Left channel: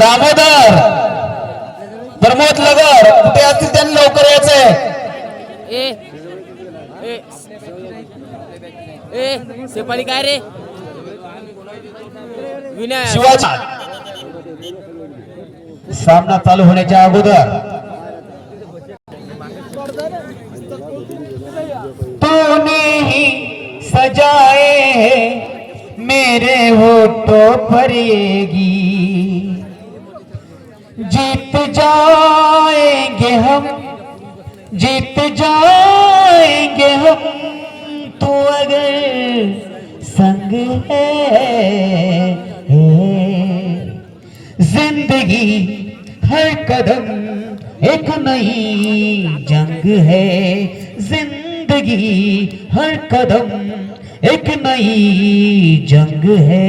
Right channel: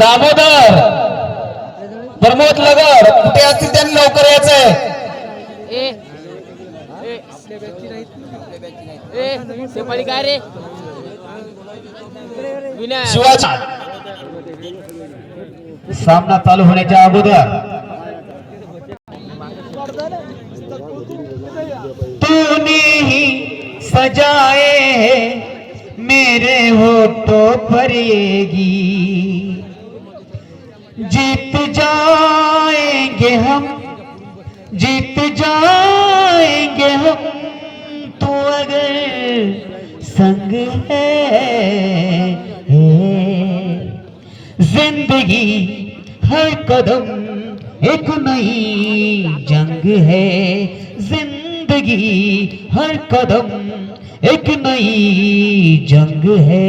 दामोदर प्रमोद नगर कुठे असतील त्यांनी लवकर यायचंय. सेपाडी काय रे शिवाजी सामना चालू होण्याच्या अगोदर तूने ही सजाए हैं मेरे होठों पर ये गीत, जीत जाएंगे हम, जीत जाएंगे हम, तू अगर संग है जिंदगी हर कदम एक नई जंग है, जिंदगी हर कदम एक नई जंग है.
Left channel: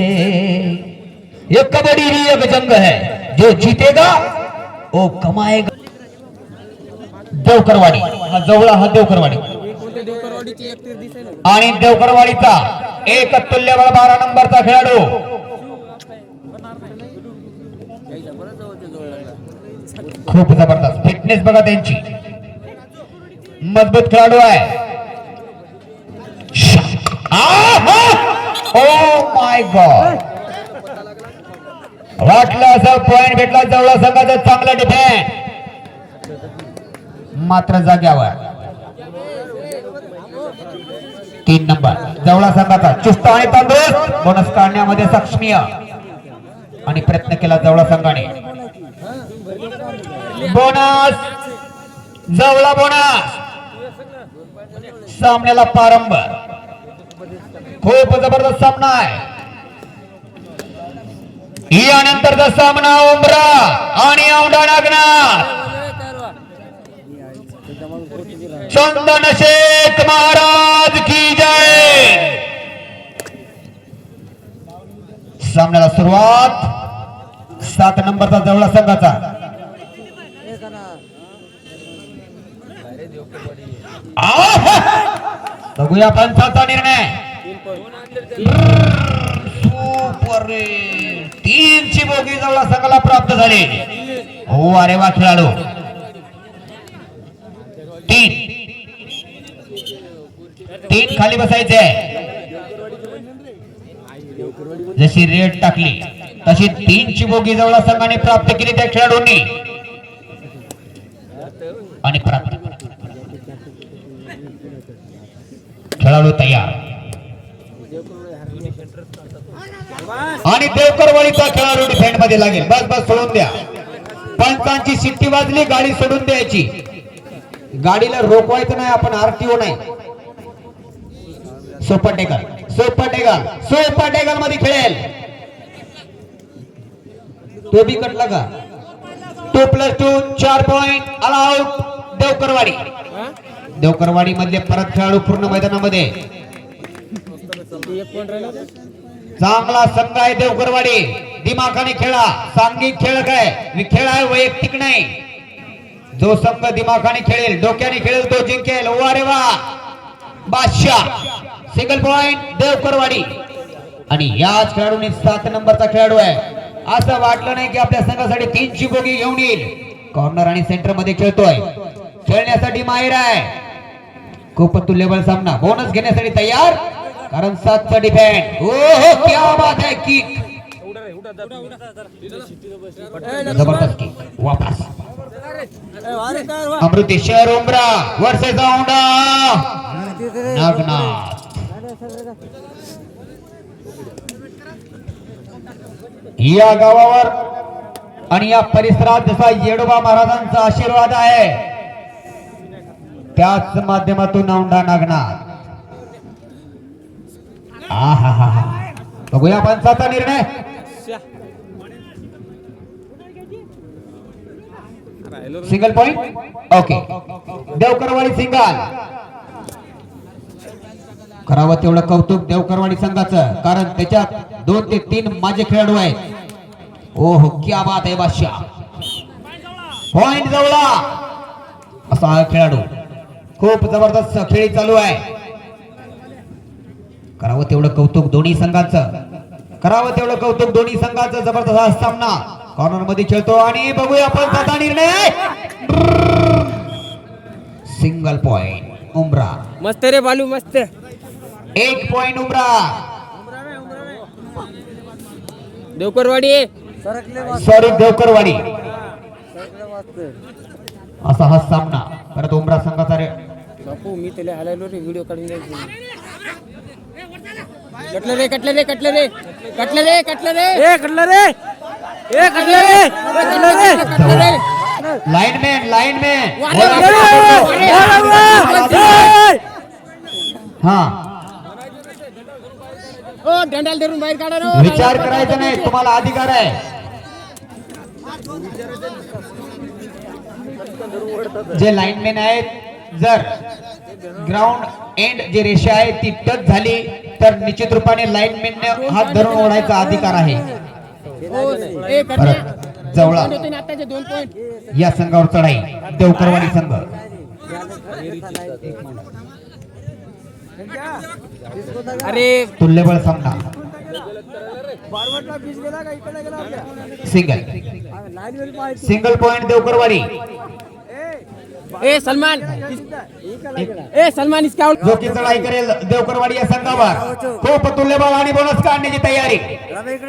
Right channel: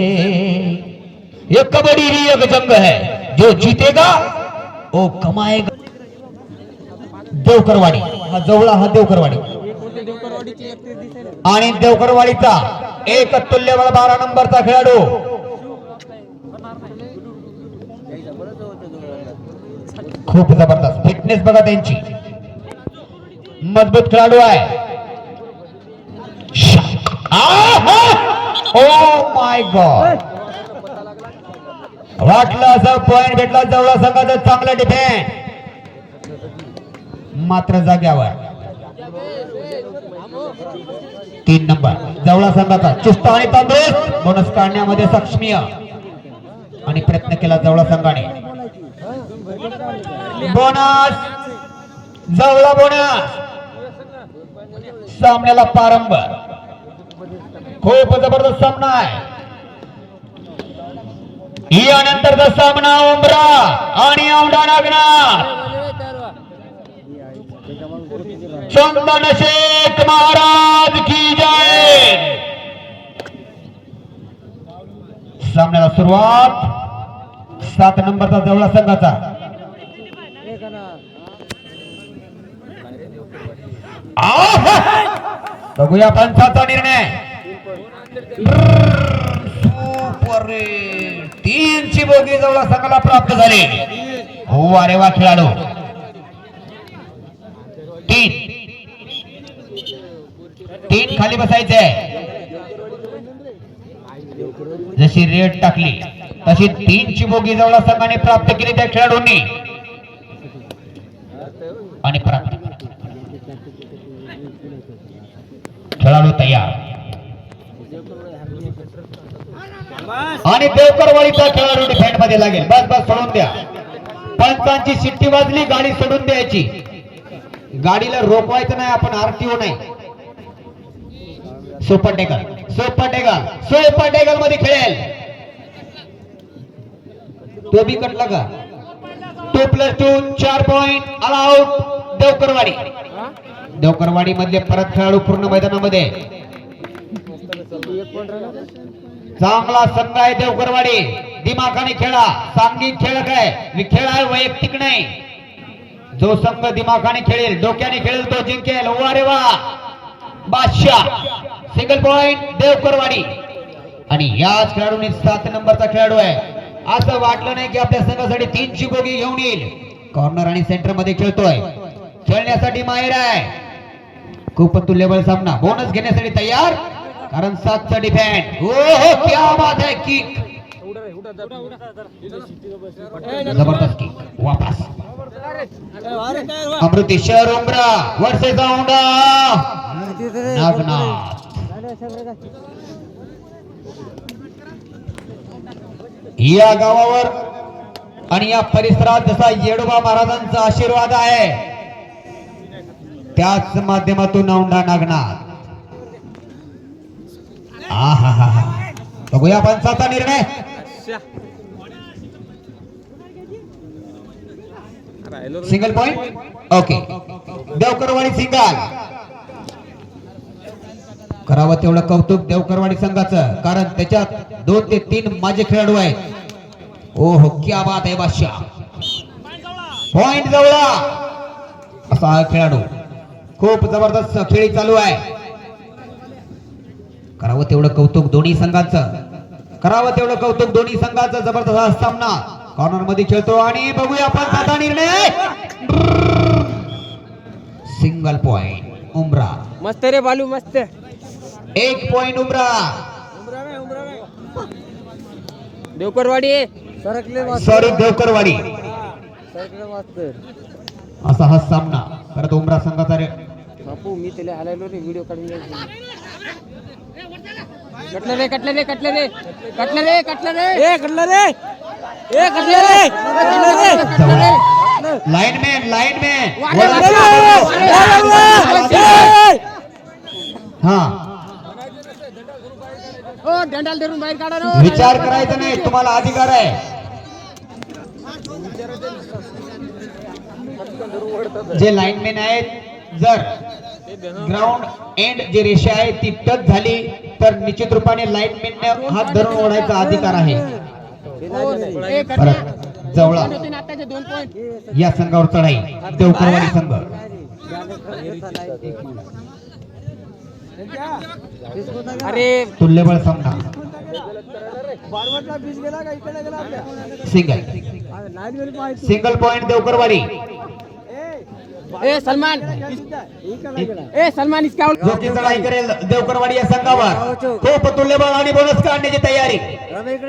ये कबड्डी ही एक जंग है, जो जीतेगा वो कमाएगा. देवकरवाडी हा जवळा हा देवकरवाडी आणि देवकरवाडीचा एक तुल्यबळ 12 नंबरचा खेळाडू खूप जबरदस्त फिटनेस बघा त्यांची, मजबूत खेळाडू आहे. ओ माय गॉड, वाटलं असं पॉइंट भेटला जवळ संघाचा चांगला डिफेंड, मात्र जाग्यावर 3 नंबर जवळा संघाचा चुस्त आणि तंदुरुस्त बोनस काढण्यामध्ये सक्षमीय आणि प्रयत्न केला जवळा संघाने. बोनस जवळा बोनस सामन्याला प्रारंभ. खूप जबरदस्त सामना आहे. यानंतरचा सामना उमरा आणि औंढा नागनाथ. चंदन शेख महाराज की जय. सामन्याला सुरुवात 7 नंबरचा जवळा संघाचा बघूया पंचाचा निर्णय. सुपर 3 ची बोगी जवळ संघाला प्राप्त झाली. हो अरे वा खेळाडू. 3 खाली बसायचे. जशी रेड टाकली तशी 3 ची बोगी जवळ संघाने प्राप्त केली त्या खेळाडूंनी आणि प्राप्त खेळाडू तयार. आणि देवकरवाडीचा खेळाडू डिफेंड मध्ये लागेल. बस बस सोडून द्या. पंचांची शिट्टी वाजली, गाडी सोडून द्यायची. गाडीला रोखवायचं नाही आपण, आरटीओ नाही. सोपाटेकल सोपाटेकल सोपाटेकल मध्ये खेळेल. तो बी कटला का? 2+2 4 पॉइंट ऑल आउट देवकरवाडी. देवकरवाडी मधले परत खेळाडू पूर्ण मैदानामध्ये. चांगला संघ आहे देवकरवाडी. दिमाखाने खेळा. सांघिक खेळ काय खेळ आहे, वैयक्तिक नाही. जो संघ दिमाखाने खेळेल, डोक्याने खेळेल तो जिंकेल. वा रे वा. बादशाह सिंगल पॉइंट देवकरवाडी. आणि याच खेळाडूने 7 नंबरचा खेळाडू आहे. असं वाटलं नाही की आपल्या संघासाठी 3 ची बोगी घेऊन येईल. कॉर्नर आणि सेंटर मध्ये खेळतोय. खेळण्यासाठी माहिर आहे. खूप तुल्यबळ सामना. बोनस घेण्यासाठी तयार, कारण 7 चा डिफेंड. हो क्या बात है. किक जबरदस्त किक. वापस अमृतेश्वर उमरा वर्सेस औंढा नागनाथ. या गावावर आणि या परिसरात जसा येडोबा महाराजांचा आशीर्वाद आहे, त्याच माध्यमातून औंढा नागनाथ. बघूया पंचाचा निर्णय. Single point. ओके. देवकरवाडी सिंगल. करावं तेवढं कौतुक देवकरवाडी संघाचं, कारण त्याच्यात 2 ते 3 माझे खेळाडू आहेत. ओहो क्या बात आहे. बादशाह पॉइंट जवळा असा हा खेळाडू. खूप जबरदस्त खेळी चालू आहे. करावं तेवढं कौतुक दोन्ही संघाचं, करावं तेवढं कौतुक दोन्ही संघाचं. जबरदस्त हा सामना कॉर्नर मध्ये खेळतो आणि बघूया आपण त्याचा निर्णय. सिंगल पॉइंट उमरा. मस्त रे बालू मस्त. 1 पॉइंट उमरा. देवकरवाडी सॉरी देवकरवाडी. असा हा सामना परत उमरा संघाचा बापू मी त्याला आलेलो रे व्हिडिओ काढून कटलं रे कटलं रे कटलं रे कटलं रे कटलं रे ए कटलं रे ए कटलं रे कटलं रे कटलं रे. लाइनमैन लाइनमैन हाँ ओ डंडाल धरून बाहेर काढा रे. विचार करायचा नाही, तुम्हाला अधिकार आहे. जे लाइनमॅन आहेत जर ग्राउंड एंड जी रेषा आहे ती टच झाली तर निश्चित रूपाने लाइनमॅनने हात धरून ओढायचा अधिकार आहे. ए परत जवळा आताचे 2 पॉइंट या संघावर चढाई देवकरवाडी संघ. अरे तुल्यबळ सामना. Single single point Devkarwadi. ए सलमान ए सलमान इसका जो की चढाई करेल देवकरवाडी या संघावर. खूप तुल्यबळ आणि बोनस काढण्याची तयारी.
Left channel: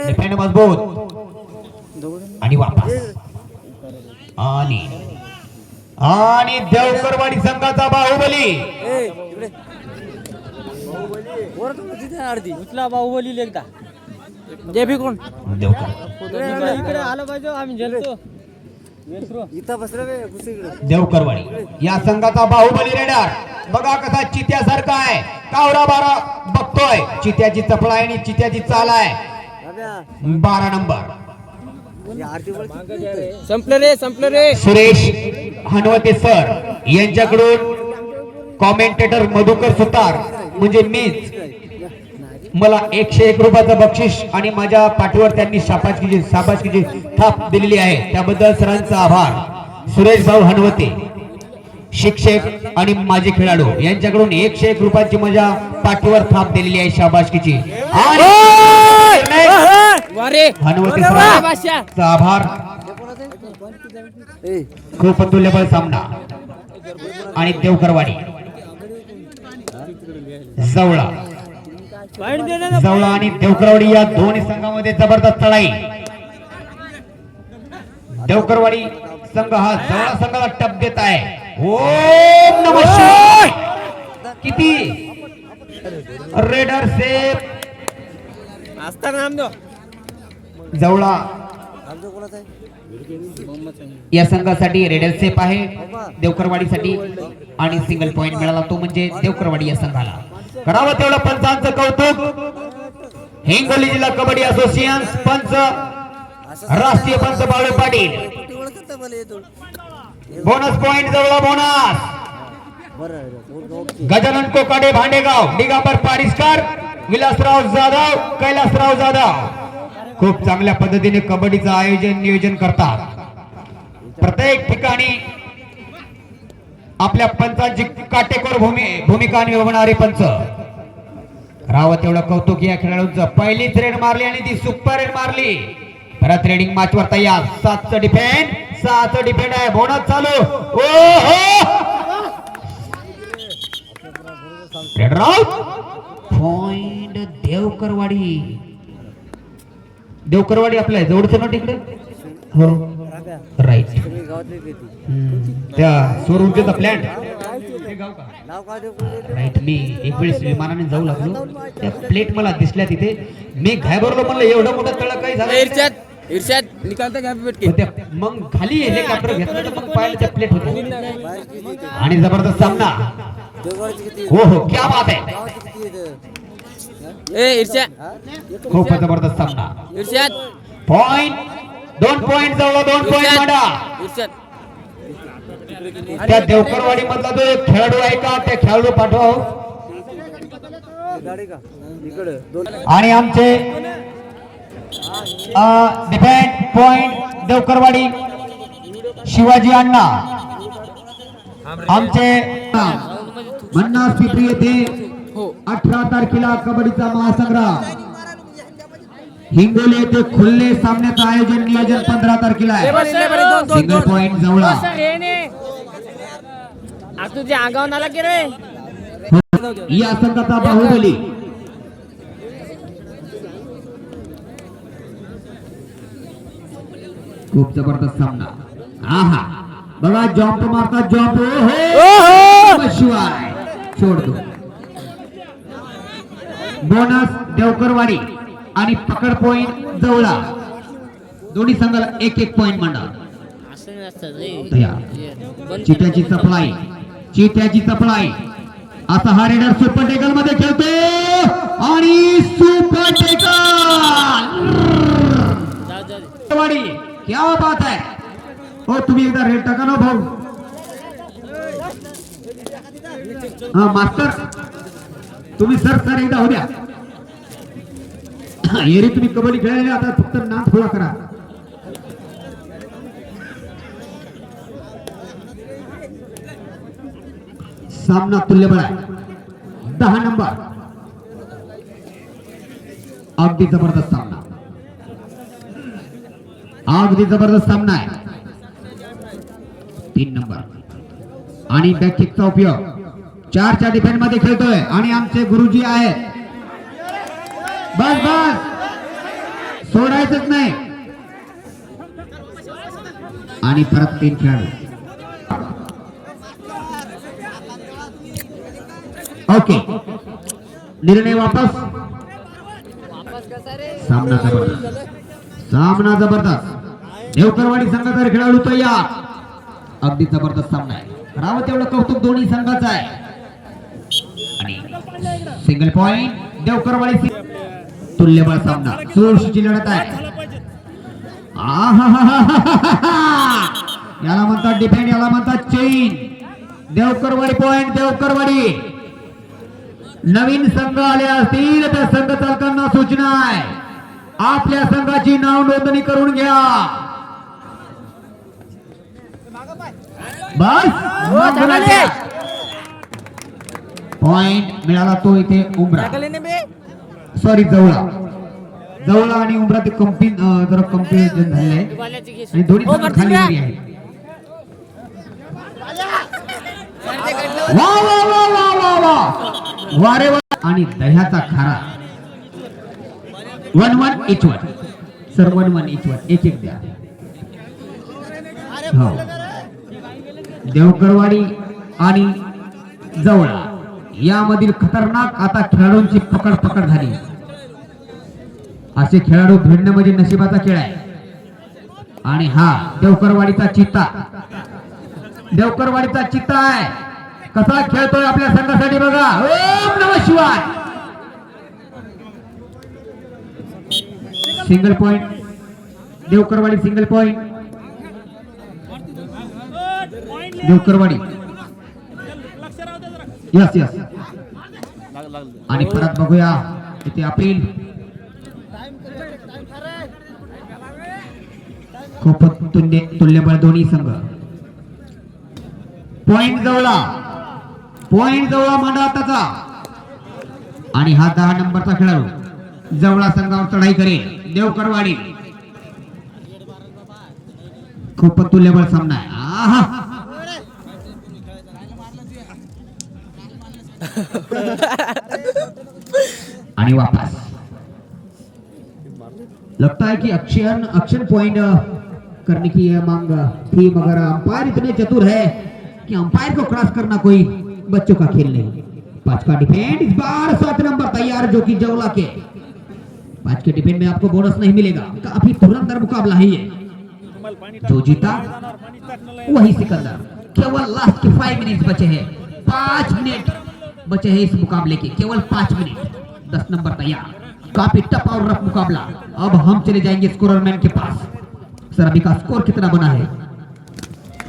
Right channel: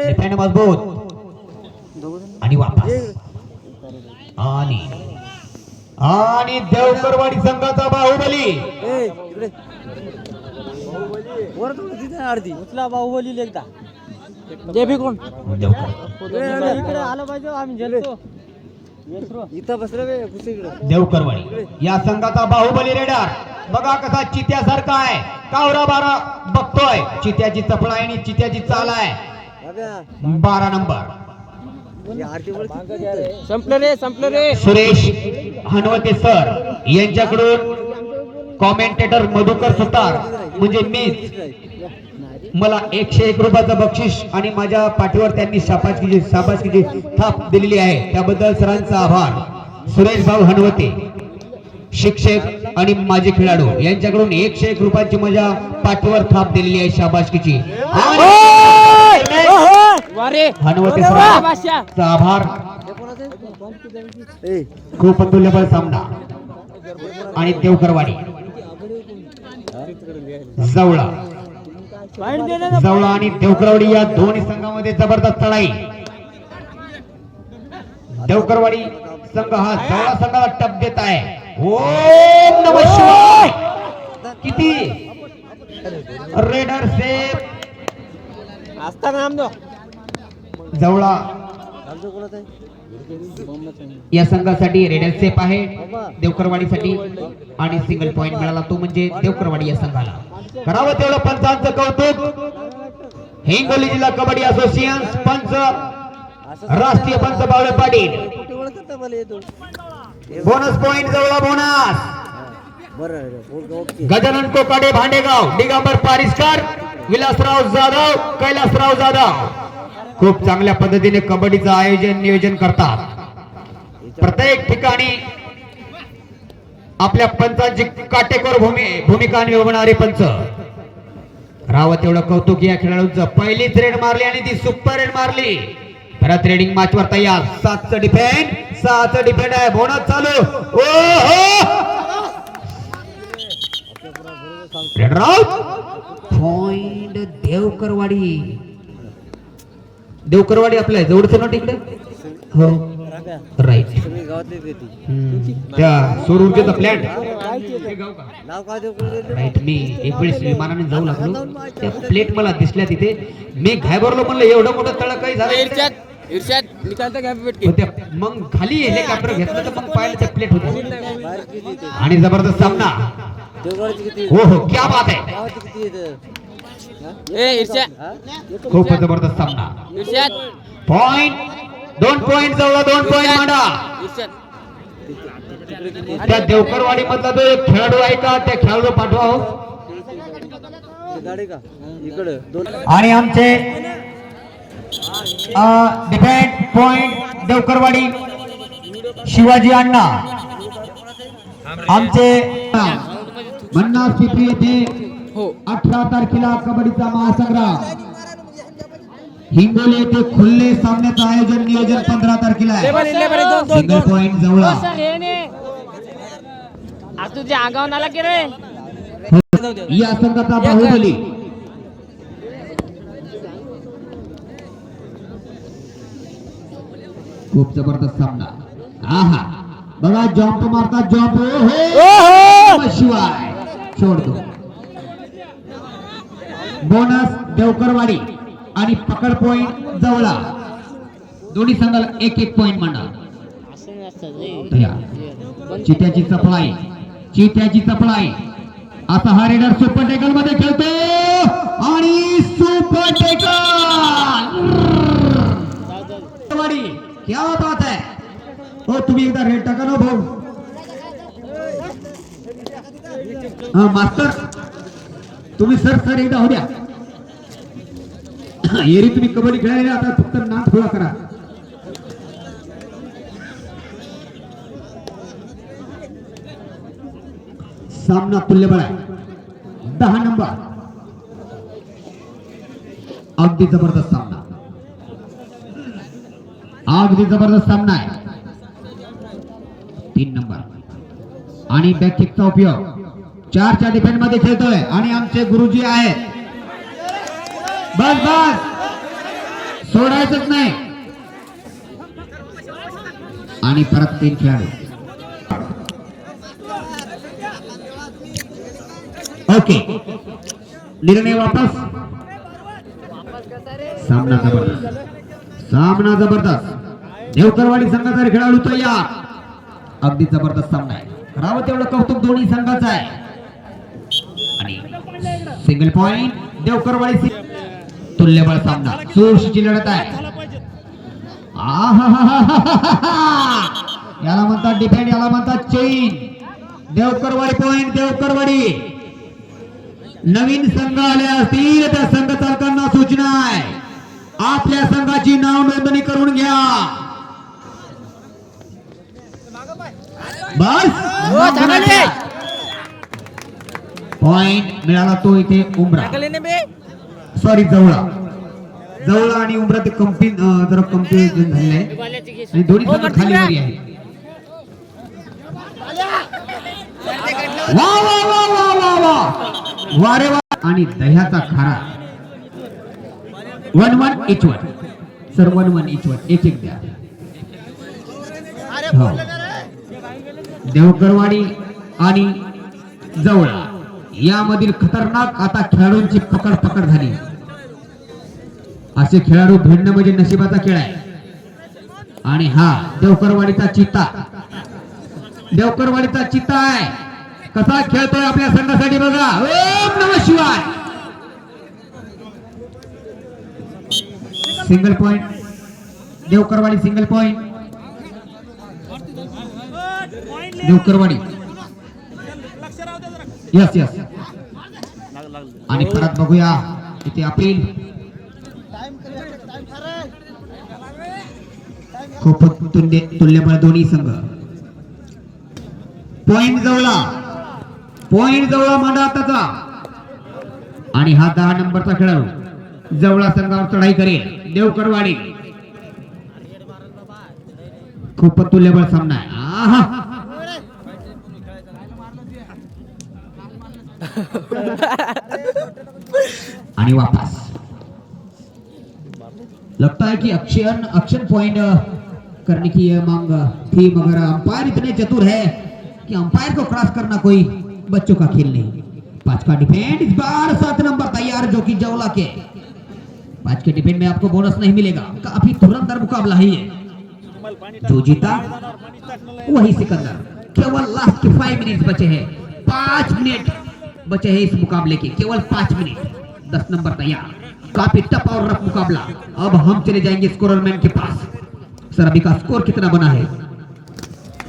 डिफेंड मजबूत आणि वापस आणि देवकरवाडी संघाचा बाहुबली. बाहुबली लेखता जे भी कोण देवकर आलं पाहिजे आम्ही जेलतो इथं बसले देवकरवाडी या संघाचा बाहुबली रेडर. बघा कसा चित्यासारखा आहे. कावरा बारा बघतोय. चित्याची चपळा आहे आणि चित्याची चाल आहे. 12 नंबर संपलं रे सुरेश हनवते सर यांच्याकडून कॉमेंटेटर मधुकर सुतार म्हणजे मीच. मला 101 रुपयाचं बक्षीस आणि माझ्या पाठीवर त्यांनी शाबासकीची थाप दिलेली आहे. त्याबद्दल सरांचा आभार. सुरेश भाऊ हनवते शिक्षक आणि माजी खेळाडू यांच्याकडून 101 रुपयाची माझ्या पाठीवर थाप दिलेली आहे शाबासकीची. हनवते सरांचा आभार. खूप तुल्यबळ सामना आणि देवकरवाडी जवळा आणि देवकरवाडी या दोन्ही संघामध्ये जबरदस्त लढाई. देवकरवाडी संघ हा जवळा संघाला टप देत आहे. ओम नमः शिवाय. किती रेडर सेफ जवळा या संघासाठी रेडर सेफ आहे देवकरवाडीसाठी आणि सिंगल पॉइंट मिळाला तो म्हणजे देवकरवाडी या संघाला. करावं तेवढं पंचांचं कौतुक. हिंगोली जिल्हा कबड्डी असोसिएशन पंच राष्ट्रीय पंच बाळू पाटील. बोनस पॉइंट जवळ बोनस. गजानन कोकाडे भांडेगाव, दिगंबर पारिस्कर, विलासराव जाधव, कैलासराव जाधव खूप चांगल्या पद्धतीने कबड्डीचं आयोजन नियोजन करतात. प्रत्येक ठिकाणी आपल्या पंचांची काटेकोर भूमिका निभावणारे पंच. रावत एवढं कौतुक या खेळाडूंचं. पहिलीच रेड मारली आणि ती सुपर रेड मारली. परत रेडिंग मॅच वर तयार. 7चं डिफेंड आहे. बोनस चालू. रेड राऊत पॉइंट देवकरवाडी आपल्या जवळचं ना तिकडे. हो राईट. त्या सौर ऊर्जेचा प्लॅन राईट. मी एक वेळेस विमानाने जाऊ लागलो. त्या प्लेट मला दिसल्या तिथे. मी घाबरलो. म्हणलं एवढं मोठं तळ काही झालं. इर्षाद निकालता काय भेट होत्या. मग खाली हेलिकॉप्टर घेतलं तर मग पाहिलं त्या प्लेट होती. आणि जबरदस्त सामना. हो क्या बात आहे. ए इर्षाद खूप जबरदस्त सामना. इर्षाद पॉइंट 2 पॉइंट जवळ 2 पॉइंट मांडा. इर्षाद त्या देवकरवाडी मधला जो एक खेळाडू आहे का त्या खेळाडू पाठवा हो. आणि आमचे डिफेंड पॉइंट देवकरवाडी शिवाजी अण्णा आमचे मन्नास पिपरी येथे हो 18 तारखेला कबड्डीचा महासंग्राम हिंगोली येथे खुले सामन्याचं आयोजन नियोजन 15 तारखेला आहे. सिंगल पॉइंट जवळ तुझ्या आगाव नाला की रे या संघाचा बाहुबली खूप जबरदस्त सामना. आहा बघा जॉम्प मारता जॉम्प हो शिवाय सोडतो. बोनस देवकरवाडी आणि पकड पॉइंट जवळा दोन्ही संघाला एक एक पॉइंट मांडा. चित्याची सप्लाय चित्याची सप्लाय आता हा रेडर सुपर टेकल मध्ये खेळतो आणि सुपर टेकल क्या बात है. हो तुम्ही एकदा रेड टाका ना भाऊ. हा मास्टर तुम्ही सर एकदा हो द्या. एरी तुम्ही कबड्डी खेळायला आता फक्त नाम थोडा करा. सामना तुल्यबळ आहे 10 नंबर. अगदी जबरदस्त सामना अगदी जबरदस्त सामना आहे. 3 नंबर आणि बॅक किकचा उपयोग 4च्या डिफेंड मध्ये खेळतोय आणि आमचे गुरुजी आहेत. बस बस सोडायचंच नाही. आणि परत 3 खेळाडू. ओके निर्णय वापस. सामना जबरदस्त देवकरवाडी संघाचा खेळाडू तयार. अगदी जबरदस्त सामना आहे. रावत एवढं कौतुक दोन्ही संघाचं आहे. आणि सिंगल पॉइंट देवकरवाडी. तुल्यबळ सामना चोरशीची लढत आहे. याला म्हणतात डिफेंड याला म्हणतात चेन. देवकरवाडी पॉइंट देवकरवाडी. नवीन संघ आले असतील त्या संघ चालकांना सूचना आहे आपल्या संघाची नाव नोंदणी करून घ्या. बस पॉइंट मिळाला तो इथे उमरा सॉरी जवळा आणि उमरा ते जरा कंपनी झाले आणि दोन्ही खाली आहे. वा वा वा वा वा वा वारे वा. आणि दह्याचा खारा 1-1 each one sir 1-1 each one एक एक द्या. देवकरवाडी आणि जवळा यामधील खतरनाक आता खेळाडूंची पकड झाली. असे खेळाडू भिडणं म्हणजे नशिबाचा खेळ आहे. आणि हा देवकरवाडीचा चित्ता आहे. कसा खेळतोय आपल्या संघासाठी बघा. ओम नमः शिवाय. Single point Devkarwadi. Single point Devkarwadi. Yes yes. आणि परत बघूया इथे अपील. खूप तुल्यबळ दोन्ही संघ. पॉइंट जवळा मांडा त्याचा. आणि हा 10 नंबरचा खेळाडू जवळा संघावर चढाई करेल. देवकरवाडी खूप तुल्यबळ सामना आहे. आणि वापस लगता है कि एक्शन पॉइंट करने की मांग थी मगर अंपायर इतने चतुर है कि अंपायर को क्रॉस करना कोई बच्चों का खेल नहीं. 5 का डिफेंड इस बार 7 नंबर तैयार जो कि जवला के. 5 के डिफेंड में आपको बोनस नहीं मिलेगा. काफी धुरंधर मुकाबला है ये. जो जीता वही सिकंदर. केवल लास्ट के 5 मिनट बचे हैं. 5 मिनट बचे हैं इस मुकाबले के. केवल 5 मिनट. 10 नंबर तैयार. काफी टफ और रफ मुकाबला. अब हम चले जाएंगे स्कोरर मैन के पास. सर अभी का स्कोर कितना बना है?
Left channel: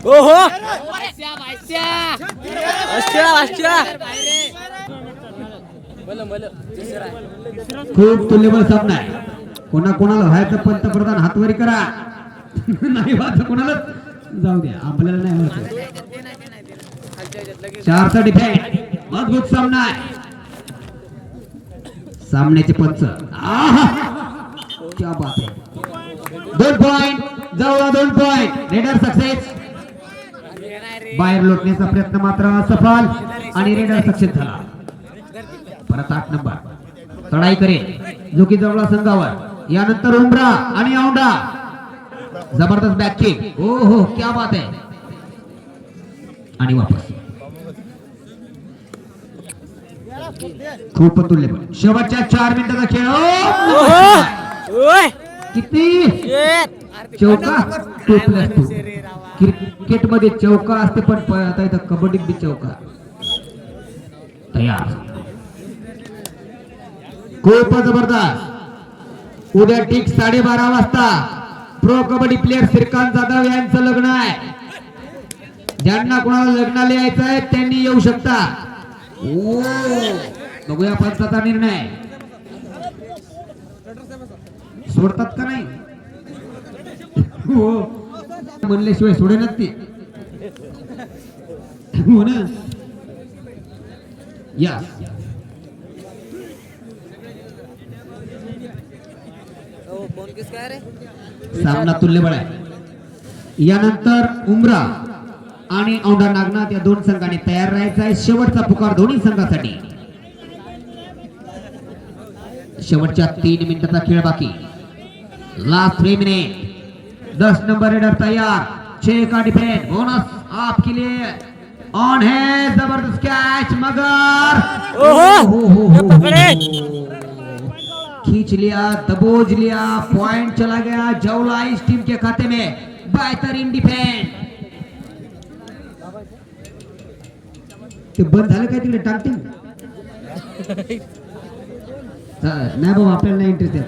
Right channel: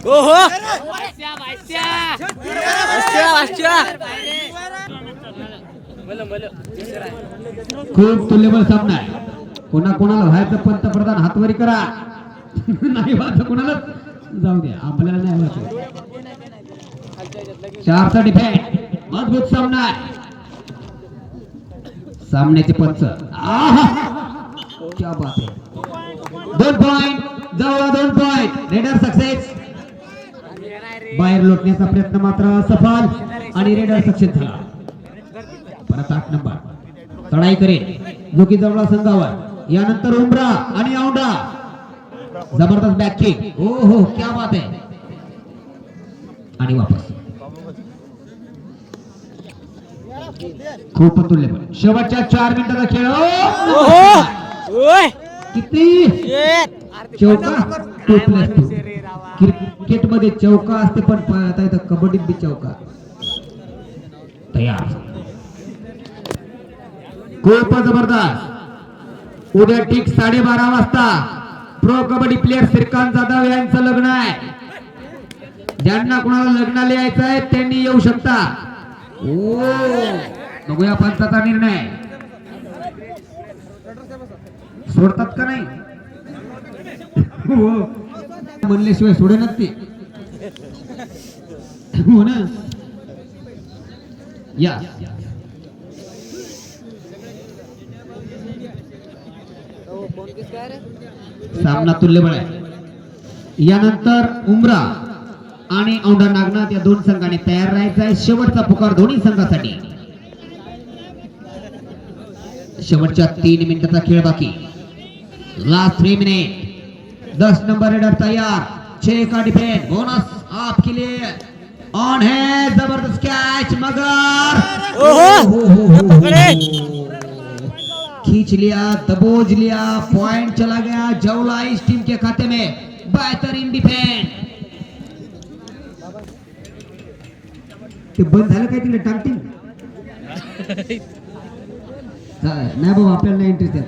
ओहो खूप तुल्यबळ सामना आहे. कोणाला व्हायचं पंतप्रधान हातवरी करा. नाही व्हायचं कोणालाच जाऊ द्या. आपल्याला नाही व्हायचं. 4चा डिफेंड. अद्भुत सामना आहे. सामन्याचे पंच आहा! क्या बात आहे 2 पॉइंट जवळ 2 पॉइंट रेडर सक्सेस बाहेर लोटण्याचा प्रयत्न मात्र सफल आणि रेडर सक्सेस झाला परत 8 नंबर चढाई करेल जो की जवळ संघावर यानंतर उमरा आणि औंढा जबरदस्त बॅक किक ओ हो क्या बात आहे आणि वापस खूप तुल्यबळ शेवटच्या 4 मिनिटाचा खेळ किती चौका 2+2 क्रिकेट मध्ये चौका असते पण आता इथं कबड्डीत बी चौका तयार खूप जबरदस्त उद्या ठीक 12:30 वाजता प्रो कबड्डी प्लेयर श्रीकांत जाधव यांचं लग्न आहे ज्यांना कोणाला लग्नाला यायचं आहे त्यांनी येऊ शकता ओ बघूया पंचाचा निर्णय सोडतात का नाही हो म्हणल्याशिवाय सोडणार ते हो ना या सामना तुल्यबळ आहे यानंतर उमरा आणि औंढा नागनाथ या 2 संघांनी तयार राहायचं आहे शेवटचा पुकार दोन्ही संघासाठी शेवटच्या 3 मिनिटाचा खेळ बाकी लास्ट 3 मिनिट 10 नंबर रेडर तैयार 6 का डिफेंड बोनस आपके लिए ऑन है जबरदस्त कैच मगर खींच लिया दबोच लिया पॉइंट चला गया जवला इस टीम के खाते में बेहतरीन डिफेंड ते बंद झालं काय तिकडे टाकतील नाही बाबा आपल्याला नाही इंटरेस्ट आहे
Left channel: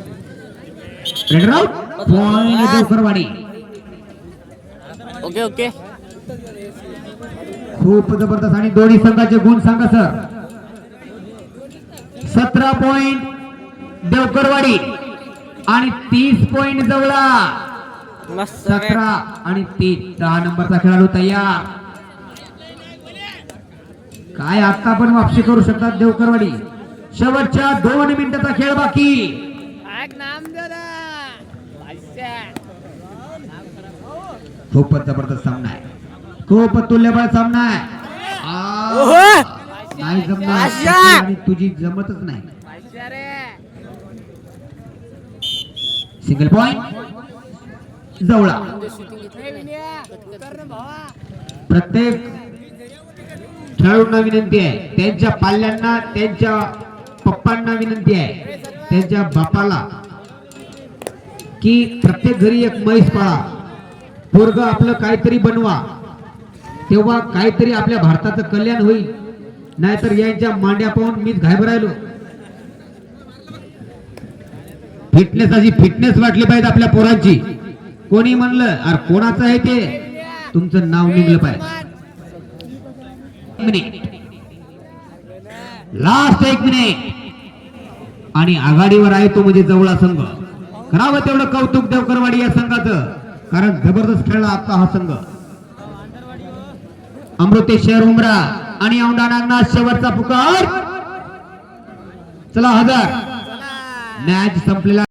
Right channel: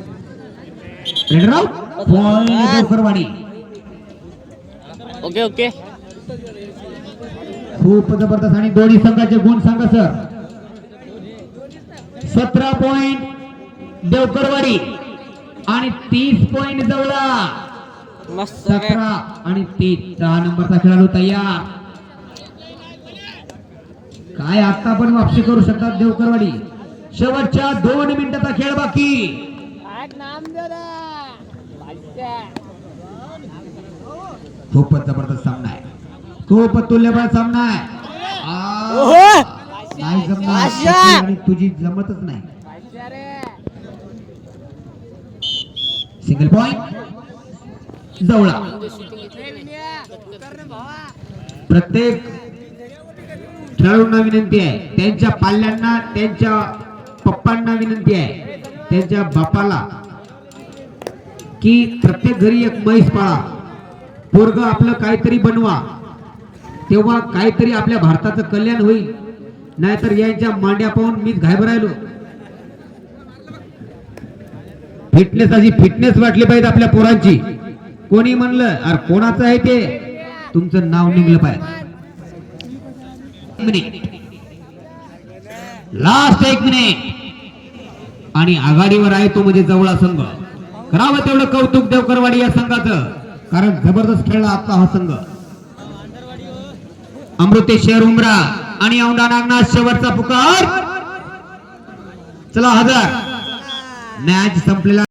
raider out point Karwadi okay okay खूप जबरदस्त आणि दोन्ही संघाचे गुण सांगा सर 17 पॉइंट देवकरवाडी आणि 30 पॉइंट जवळा 17 आणि 30 10 नंबरचा खेळाडू तयार काय आता पण वापसी करू शकतात देवकरवाडी शेवटच्या 2 मिनिटाचा खेळ बाकी खूपच जबरदस्त सामना आहे खूप तुल्यबळ सामना आहे नाही जमणार आणि तुझी जमतच नाही सिंगल पॉइंट जवळा प्रत्येक खेळाडूंना विनंती आहे त्यांच्या पाल्यांना त्यांच्या पप्पांना विनंती आहे त्यांच्या बापाला की प्रत्येक घरी एक म्हैस पाळा पोरग आपलं काहीतरी बनवा तेव्हा काहीतरी आपल्या भारताचं कल्याण होईल नाहीतर यांच्या मांड्या पाहून मीच घाबरायलो फिटनेस वाटली पाहिजे आपल्या पोरांची कोणी म्हणलं अरे कोणाचं आहे ते तुमचं नाव निघलं पाहिजे लास्ट 1 मिनिट आणि आघाडीवर आहे तो म्हणजे जवळा संघ करावं तेवढं कौतुक देवकरवाडी या संघाचं कारण जबरदस्त खेळला आता हा संघ अमृतेश्वर उमरा आणि औंढा नागनाथ शेवटचा पुकार चला 1000 मॅच संपलेला